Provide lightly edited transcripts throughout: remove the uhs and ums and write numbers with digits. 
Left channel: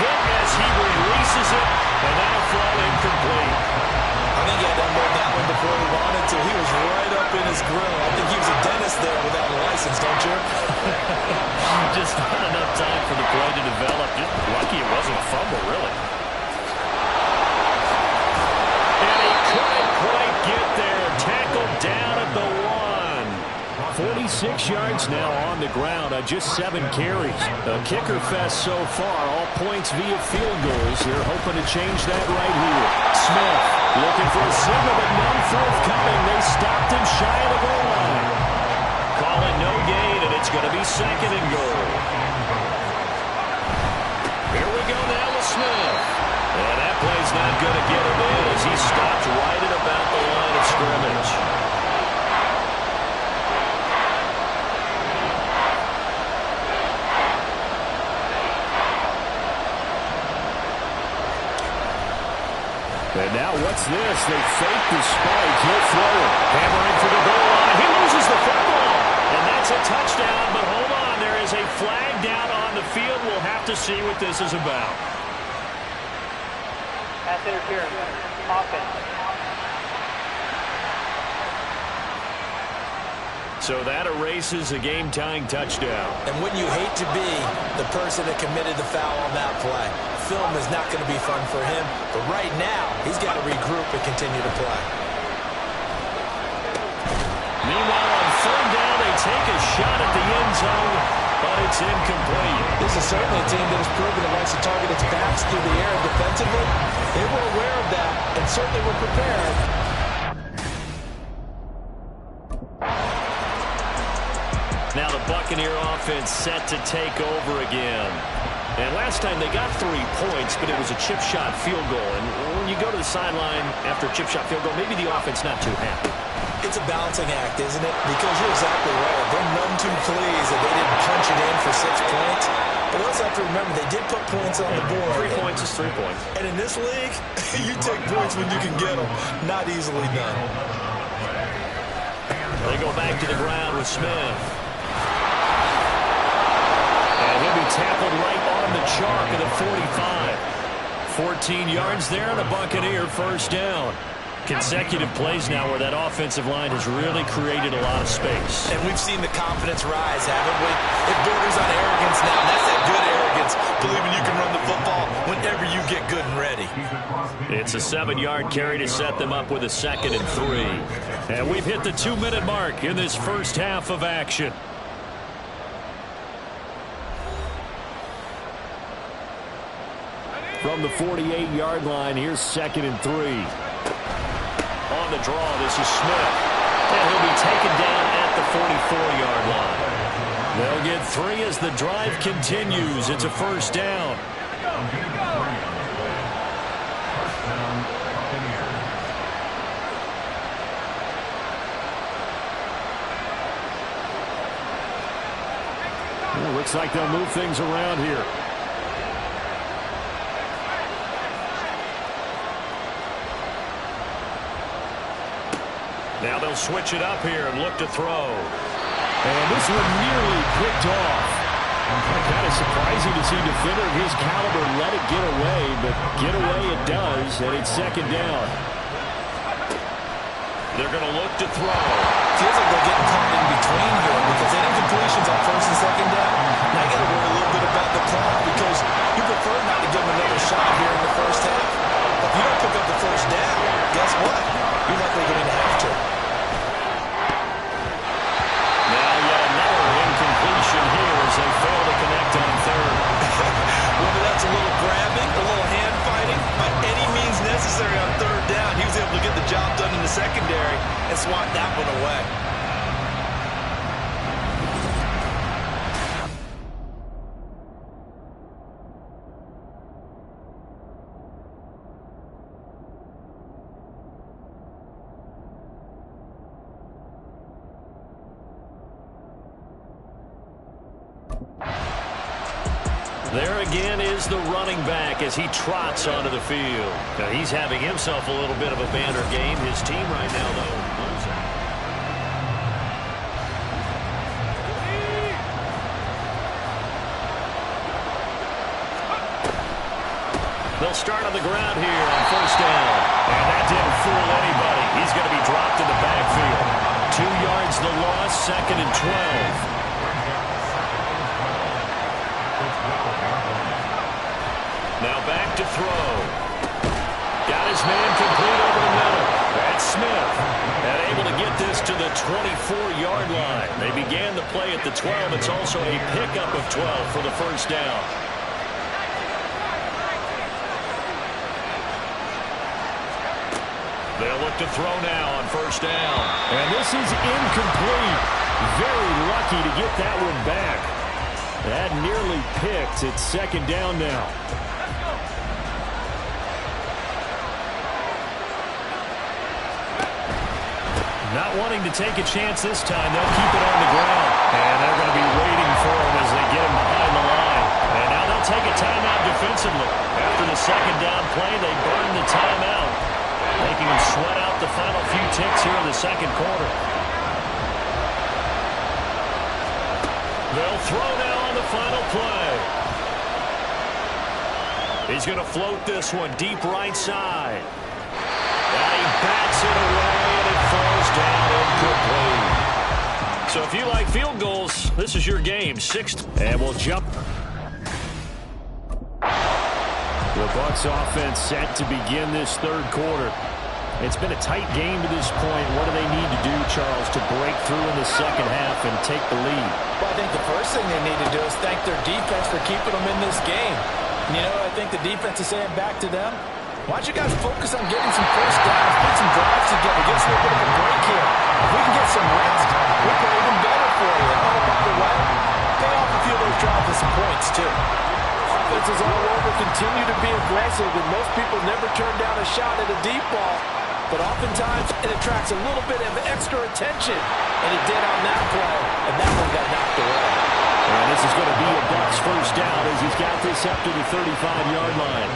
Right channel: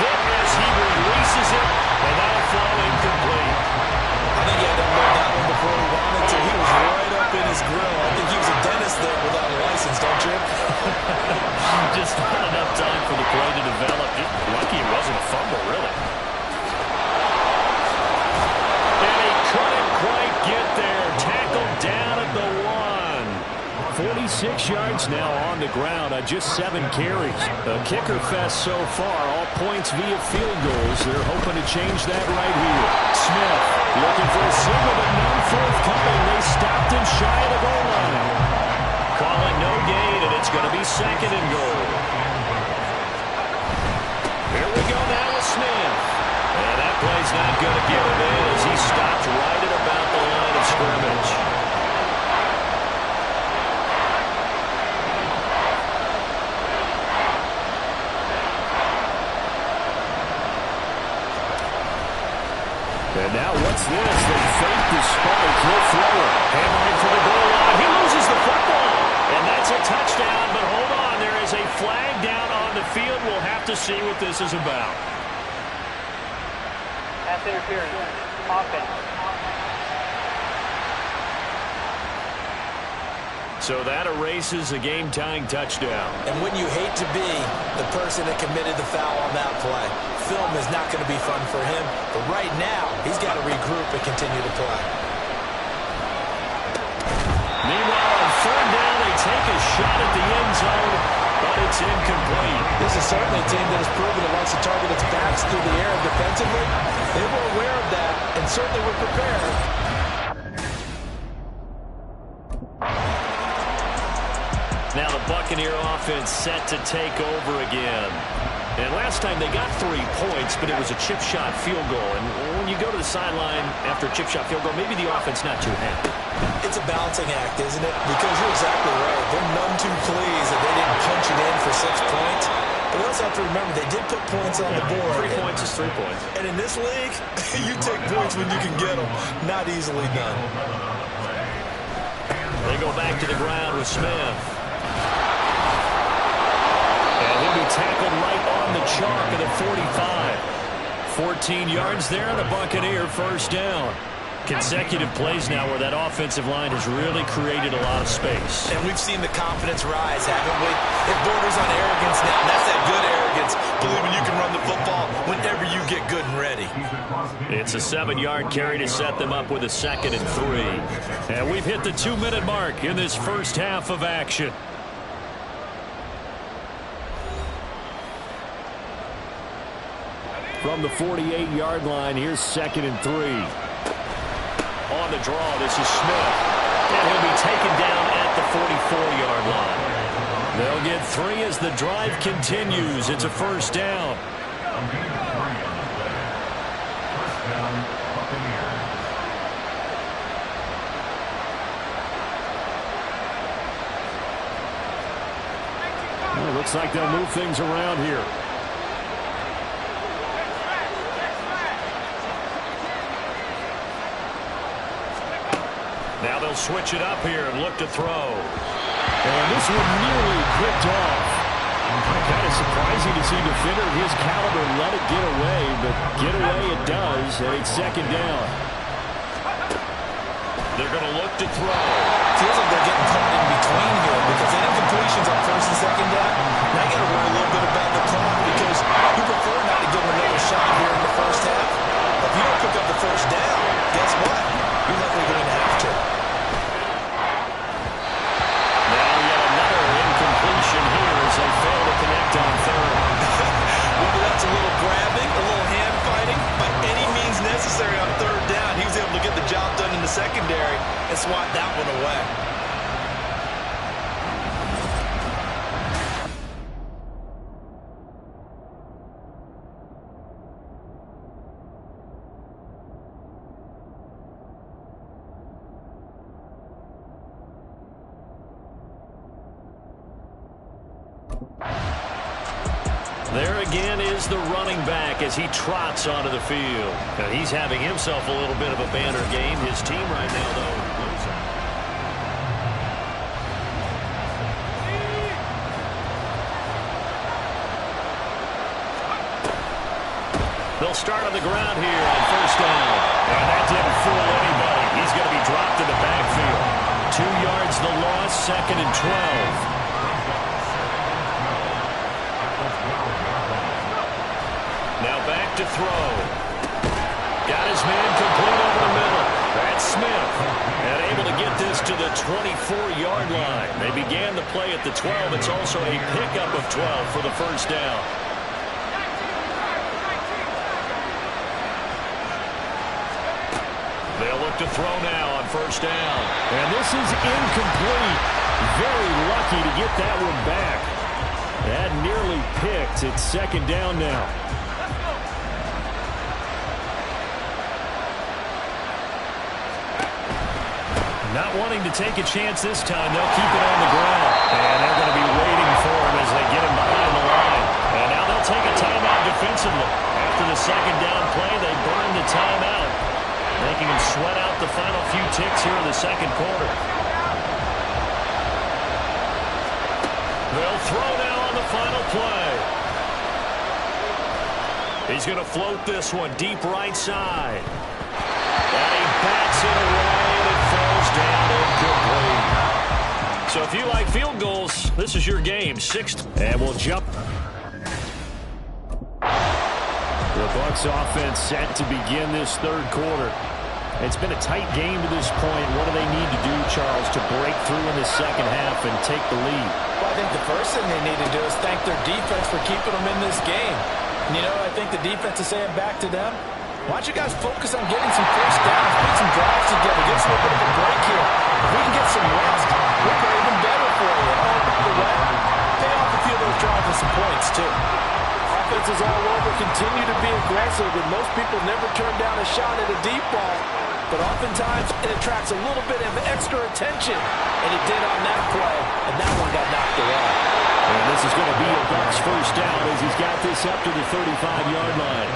hit as he releases it, and that'll fall incomplete. I think he had to unload that one before he wanted to. He was right up in his grill. I think he was a dentist there without a license, don't you? Just not enough time for the play to develop. Just lucky it wasn't a fumble, really. And he couldn't quite get there. Tackled down at the 1. 46 yards now on the ground on just 7 carries. A kicker fest so far. All points via field goals. They're hoping to change that right here. Smith looking for a signal, but none forthcoming. They stopped him shy of the goal line. Call it no gain, and it's going to be 2nd and goal. Here we go now with Smith. And that play's not going to get him in as he stopped right at about the line of scrimmage. And now what's this? They fake the spike. He'll throw it. Hammering for the goal line. He loses the football. And that's a touchdown. But hold on. There is a flag down on the field. We'll have to see what this is about. Pass interference. Offense. So that erases a game-tying touchdown. And wouldn't you hate to be the person that committed the foul on that play? Film is not going to be fun for him, but right now he's got to regroup and continue to play. Meanwhile, on 3rd down, they take a shot at the end zone, but it's incomplete. This is certainly a team that has proven it likes to target its backs through the air defensively. They were aware of that and certainly were prepared. Now the Buccaneer offense set to take over again. And last time they got 3 points, but it was a chip shot field goal. And when you go to the sideline after a chip shot field goal, maybe the offense not too happy. It's a balancing act, isn't it? Because you're exactly right. They're none too pleased that they didn't punch it in for 6 points. But we also have to remember they did put points on the board. 3 points is 3 points. And in this league, you take points when you can get them. Not easily done. They go back to the ground with Smith. And he'll be tackled right on the chalk of the 45. 14 yards there and a Buccaneer 1st down. Consecutive plays now where that offensive line has really created a lot of space. And we've seen the confidence rise, haven't we? It borders on arrogance now, and that's that good arrogance, believing you can run the football whenever you get good and ready. It's a 7-yard carry to set them up with a 2nd and 3. And we've hit the 2-minute mark in this first half of action. From the 48-yard line, here's 2nd and 3. On the draw, this is Smith. And he'll be taken down at the 44-yard line. They'll get 3 as the drive continues. It's a 1st down. Well, looks like they'll move things around here. Now they'll switch it up here and look to throw. And this one nearly picked off. Kind of surprising to see a defender of his caliber let it get away, but get away it does, and it's 2nd down. They're going to look to throw. Feels like they're getting caught in between here because they didn't completions on 1st and 2nd down. Now you got to worry a little bit about the clock because you prefer not to give them another shot here in the 1st half. But if you don't pick up the 1st down, guess what? You're likely going to have to. Now yet another incompletion here as they fail to connect on 3rd. Whether that's a little grabbing, a little hand fighting, by any means necessary on 3rd down, he was able to get the job done in the secondary and swat that one away. There again is the running back as he trots onto the field. Now he's having himself a little bit of a banner game. His team right now, though, losing. They'll start on the ground here on first down. And that didn't fool anybody. He's going to be dropped in the backfield. 2 yards the loss, 2nd and 12. Now back to throw. Got his man complete over the middle. That's Smith. And able to get this to the 24-yard line. They began the play at the 12. It's also a pickup of 12 for the first down. They'll look to throw now on first down. And this is incomplete. Very lucky to get that one back. That nearly picked. It's 2nd down now. Not wanting to take a chance this time. They'll keep it on the ground. And they're going to be waiting for him as they get him behind the line. And now they'll take a timeout defensively. After the 2nd down play, they burn the timeout, making him sweat out the final few ticks here in the 2nd quarter. They'll throw now on the final play. He's going to float this one deep right side. And he bats it away, and it falls down incomplete. So if you like field goals, this is your game. 6th, and we'll jump. The Bucs offense set to begin this 3rd quarter. It's been a tight game to this point. What do they need to do, Charles, to break through in the 2nd half and take the lead? Well, I think the first thing they need to do is thank their defense for keeping them in this game. And, I think the defense is saying back to them, why don't you guys focus on getting some first downs, put some drives together, give us a little bit of a break here. If we can get some rest, we'll play even better for you. And, oh, by the way, pay off a few of those drives with some points, too. Offenses all over continue to be aggressive, and most people never turn down a shot at a deep ball. But oftentimes, it attracts a little bit of extra attention. And it did on that play, and that one got knocked away. And this is going to be a Bucs first down as he's got this up to the 35-yard line.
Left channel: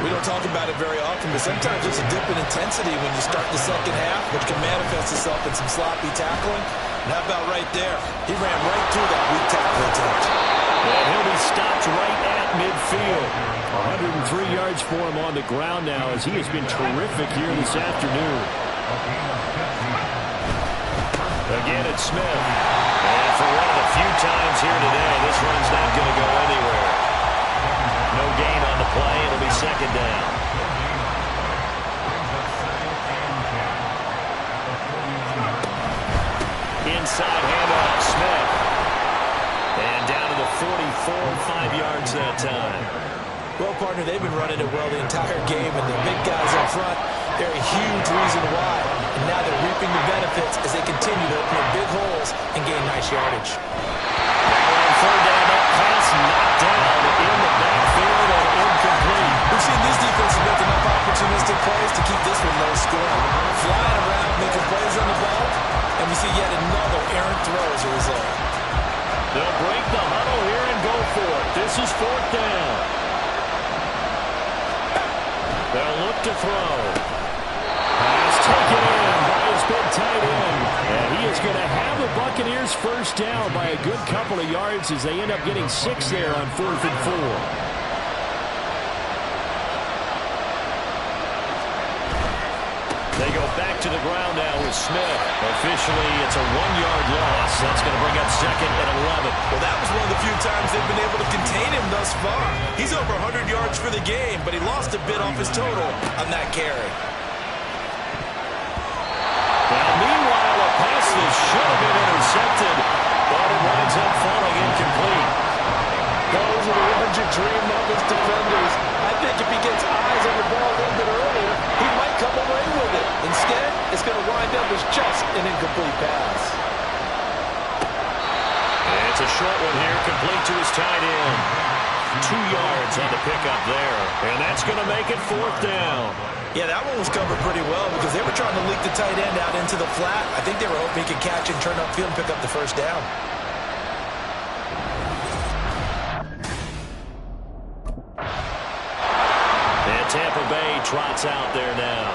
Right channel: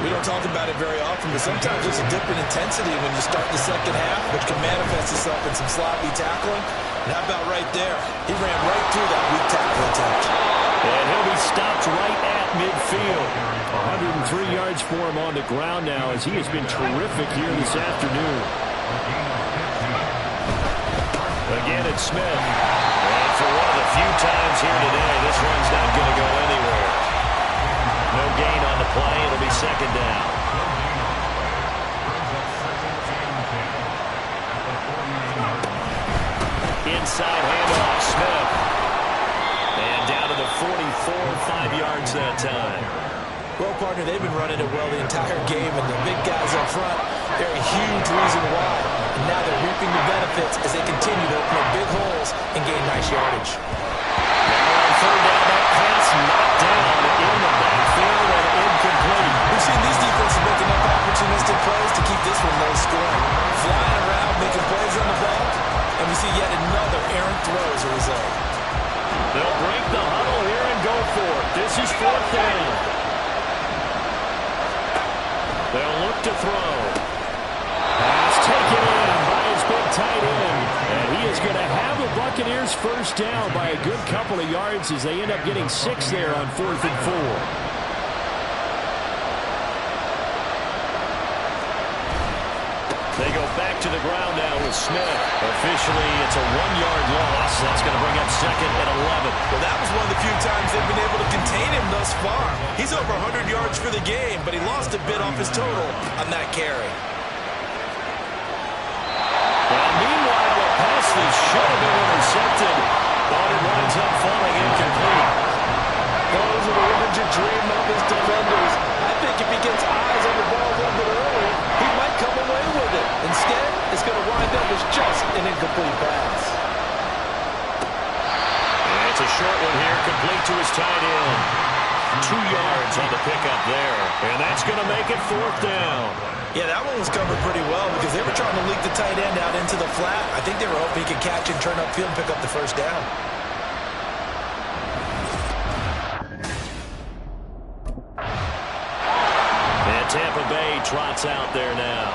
We don't talk about it very often, but sometimes there's a dip in intensity when you start the 2nd half, which can manifest itself in some sloppy tackling. And how about right there? He ran right through that weak tackle attempt. And he'll be stopped right at midfield. 103 yards for him on the ground now as he has been terrific here this afternoon. Again, it's Smith. And for one of the few times here today, this run's not going to go anywhere. No gain on the play. It'll be 2nd down. Inside handoff, Smith. And down to the 44, 5 yards that time. Well, partner, they've been running it well the entire game, and the big guys up front, they're a huge reason why. And now they're reaping the benefits as they continue to open up big holes and gain nice yardage. Now on 3rd down, that pass knocked down in the backfield and incomplete. We've seen these defenses make enough opportunistic plays to keep this one low scoring. Flying around, making plays on the ball, and we see yet another errant throw as a result. They'll break the huddle here and go for it. This is 4th down. They'll look to throw. Pass taken in by his big tight end. And he is going to have the Buccaneers first down by a good couple of yards as they end up getting 6 there on 4th and 4. They go back to the ground now with Smith. Officially, it's a 1-yard loss. That's going to bring up 2nd and 11. Well, that was one of the few times they've been able to contain him thus far. He's over 100 yards for the game, but he lost a bit off his total on that carry. Well, meanwhile, a pass that should have been intercepted, but it winds up falling incomplete. Those are the ones you dream of as defenders. I think if he gets eyes on the ball a little bit earlier, he might come away with it. Instead, it's going to wind up as just an incomplete pass. And it's a short one here, complete to his tight end. 2 yards on the pickup there. And that's going to make it 4th down. Yeah, that one was covered pretty well because they were trying to leak the tight end out into the flat. I think they were hoping he could catch and turn upfield and pick up the first down. And Tampa Bay trots out there now.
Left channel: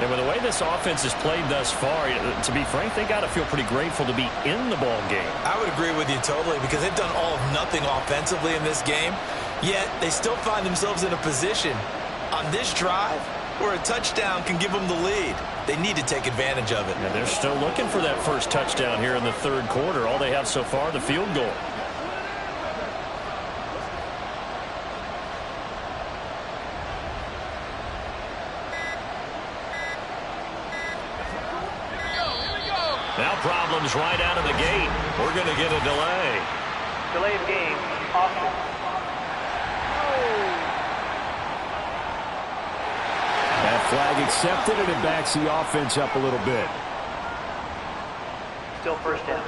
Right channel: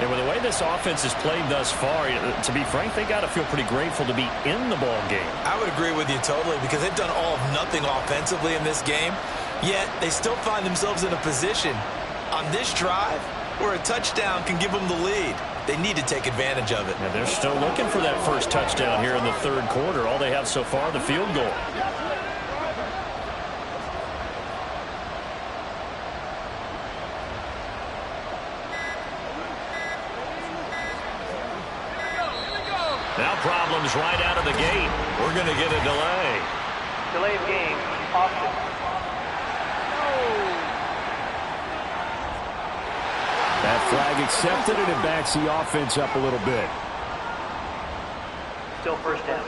And with the way this offense has played thus far, to be frank, they got to feel pretty grateful to be in the ball game. I would agree with you totally because they've done all of nothing offensively in this game. Yet, they still find themselves in a position on this drive where a touchdown can give them the lead. They need to take advantage of it. And they're still looking for that first touchdown here in the third quarter. All they have so far, the field goal. Now problems right out of the gate. We're going to get a delay. Delay of game, offense. That flag accepted, and it backs the offense up a little bit. Still first down.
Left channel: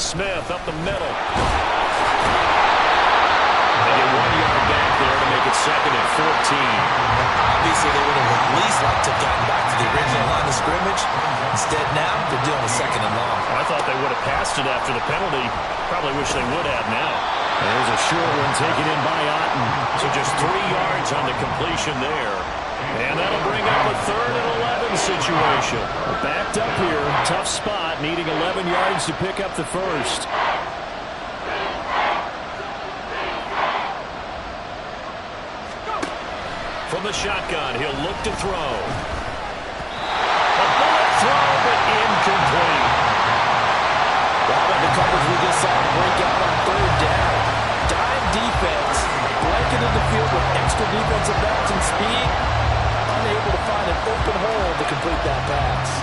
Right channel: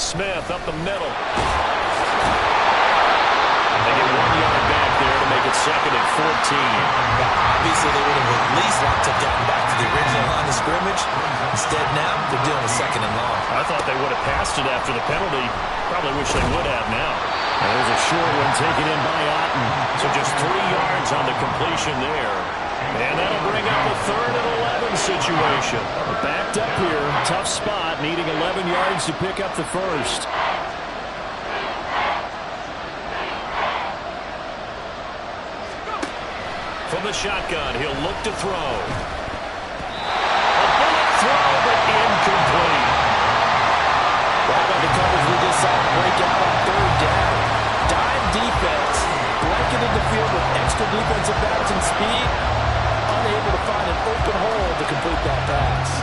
Smith up the middle. They get 1 yard back there to make it second and 14. Obviously, they would have at least liked to have gotten back to the original line of scrimmage. Instead, now they're dealing with second and long. I thought they would have passed it after the penalty. Probably wish they would have now. And there's a short one taken in by Otten. So just 3 yards on the completion there. And that'll bring up a 3rd and 11 situation. Backed up here, tough spot, needing 11 yards to pick up the first. From the shotgun, he'll look to throw. A bullet throw, but incomplete. Well, how about the coverage we just saw break out on 3rd down? Dime defense, blanketed the field with extra defensive backs and speed. Unable to find an open hole to complete that pass.